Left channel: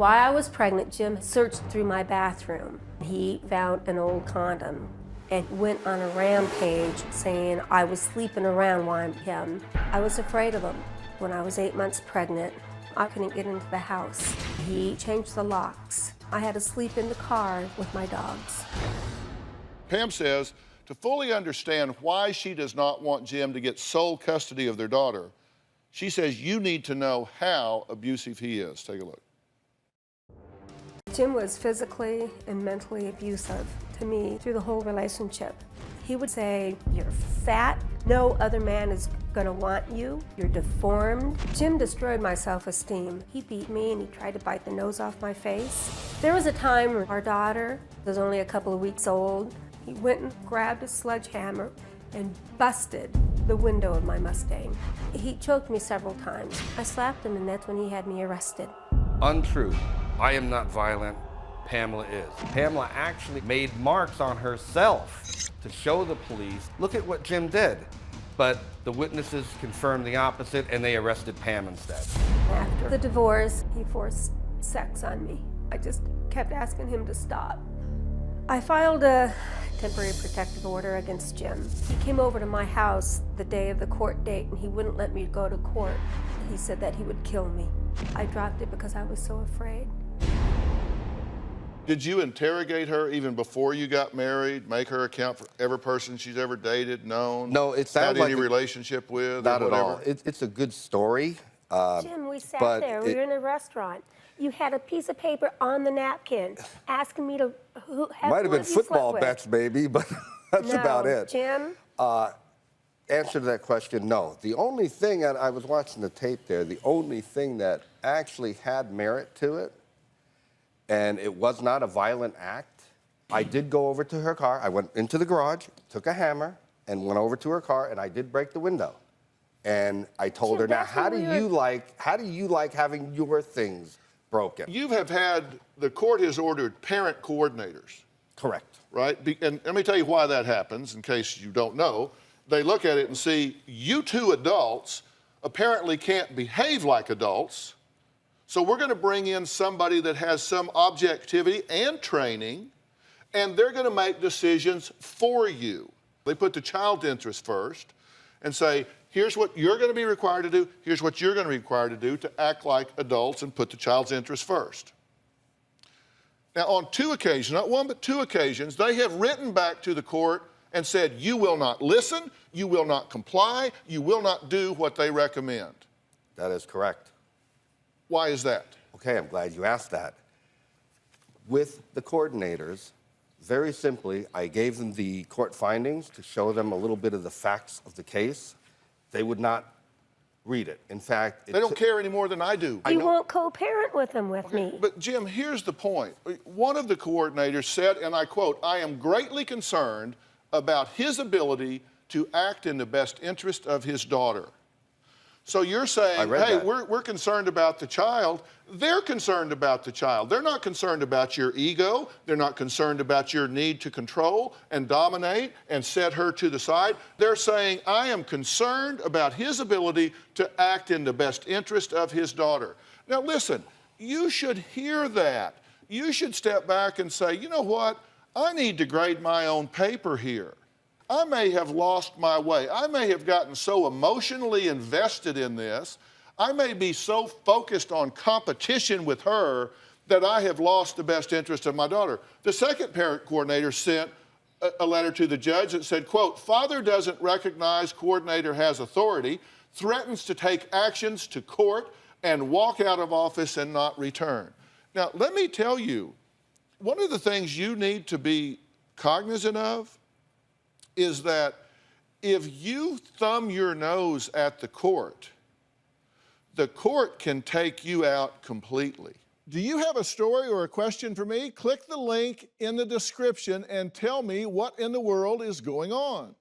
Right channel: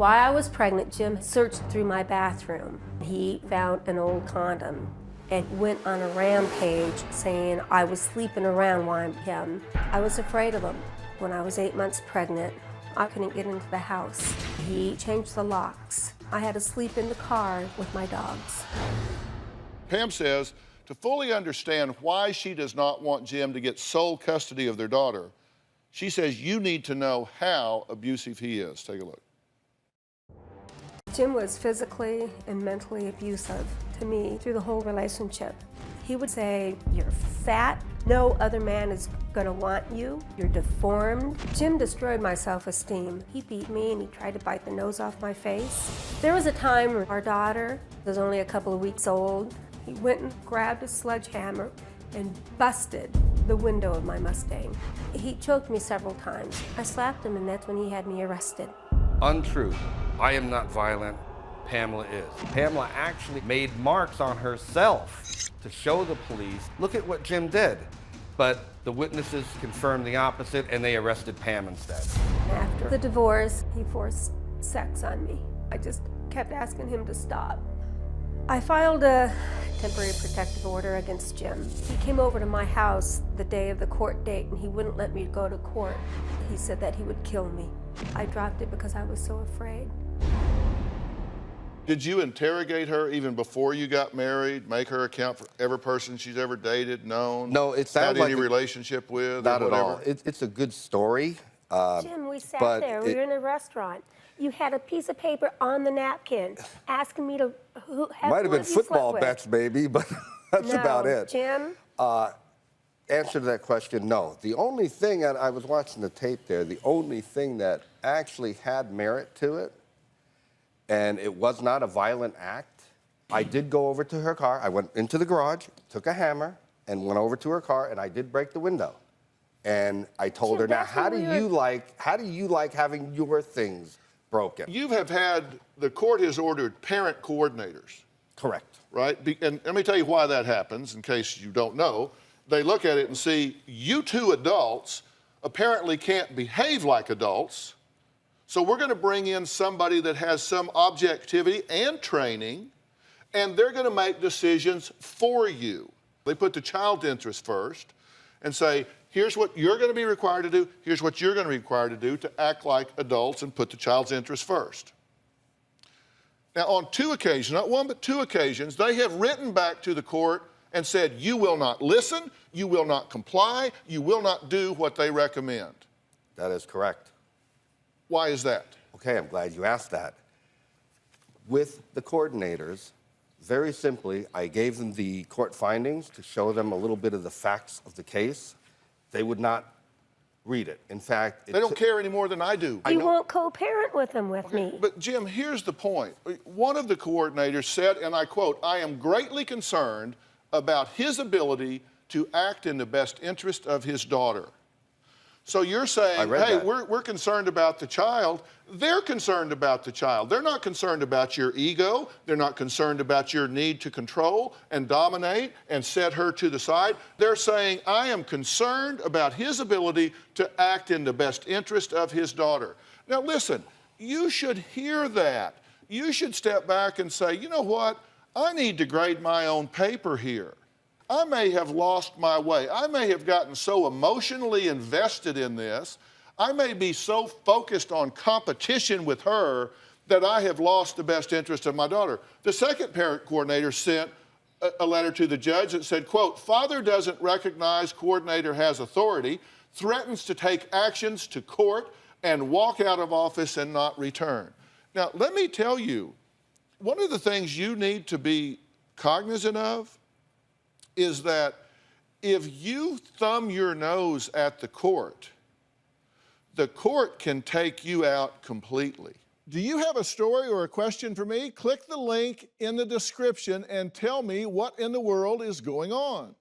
While I was pregnant, Jim searched through my bathroom. He found an old condom and went on a rampage saying I was sleeping around while him. I was afraid of him. When I was 8 months pregnant, I couldn't get into the house. He changed the locks. I had to sleep in the car with my dogs. Pam says to fully understand why she does not want Jim to get sole custody of their daughter, she says you need to know how abusive he is. Take a look. Jim was physically and mentally abusive to me through the whole relationship. He would say, "You're fat, no other man is gonna want you, you're deformed." Jim destroyed my self-esteem. He beat me and he tried to bite the nose off my face. There was a time when our daughter was only a couple of weeks old. He went and grabbed a sledgehammer and busted the window of my Mustang. He choked me several times. I slapped him and that's when he had me arrested. Untrue. I am not violent. Pamela is. Pamela actually made marks on herself to show the police, look at what Jim did. But the witnesses confirmed the opposite and they arrested Pam instead. After the divorce, he forced sex on me. I just kept asking him to stop. I filed a temporary protective order against Jim. He came over to my house the day of the court date and he wouldn't let me go to court. He said that he would kill me. I dropped it because I was so afraid. Did you interrogate her even before you got married, make her account for every person she's ever dated, known? No, it sounds had like any relationship with? Not or at whatever? all. It's a good story. Jim, we sat there. We were in a restaurant. You had a piece of paper on the napkin asking me to might have been football bets, maybe, but that's about it. Jim? Answer to that question, no. The only thing, and I was watching the tape there, the only thing that actually had merit to it, and it was not a violent act, I did go over to her car. I went into the garage, took a hammer, and went over to her car, and I did break the window. And I told her, now, how do you like having your things broken? You have had, the court has ordered parent coordinators. Correct. Right? And let me tell you why that happens, in case you don't know. They look at it and see, you two adults apparently can't behave like adults, so we're going to bring in somebody that has some objectivity and training, and they're going to make decisions for you. They put the child's interest first and say, here's what you're going to be required to do, here's what you're going to be required to do to act like adults and put the child's interest first. Now, on 2 occasions, not one but 2 occasions, they have written back to the court and said, you will not listen, you will not comply, you will not do what they recommend. That is correct. Why is that? Okay, I'm glad you asked that. With the coordinators, very simply, I gave them the court findings to show them a little bit of the facts of the case. They would not read it. In fact, they don't care any more than I do. You won't co-parent with them with me. But Jim, here's the point. One of the coordinators said, and I quote, "I am greatly concerned about his ability to act in the best interest of his daughter." So you're saying, hey, we're concerned about the child. They're concerned about the child. They're not concerned about your ego. They're not concerned about your need to control and dominate and set her to the side. They're saying, I am concerned about his ability to act in the best interest of his daughter. Now listen, you should hear that. You should step back and say, you know what? I need to grade my own paper here. I may have lost my way. I may have gotten so emotionally invested in this. I may be so focused on competition with her that I have lost the best interest of my daughter. The second parent coordinator sent a letter to the judge that said, quote, "Father doesn't recognize coordinator has authority, threatens to take actions to court and walk out of office and not return." Now, let me tell you, one of the things you need to be cognizant of is that if you thumb your nose at the court can take you out completely. Do you have a story or a question for me? Click the link in the description and tell me what in the world is going on.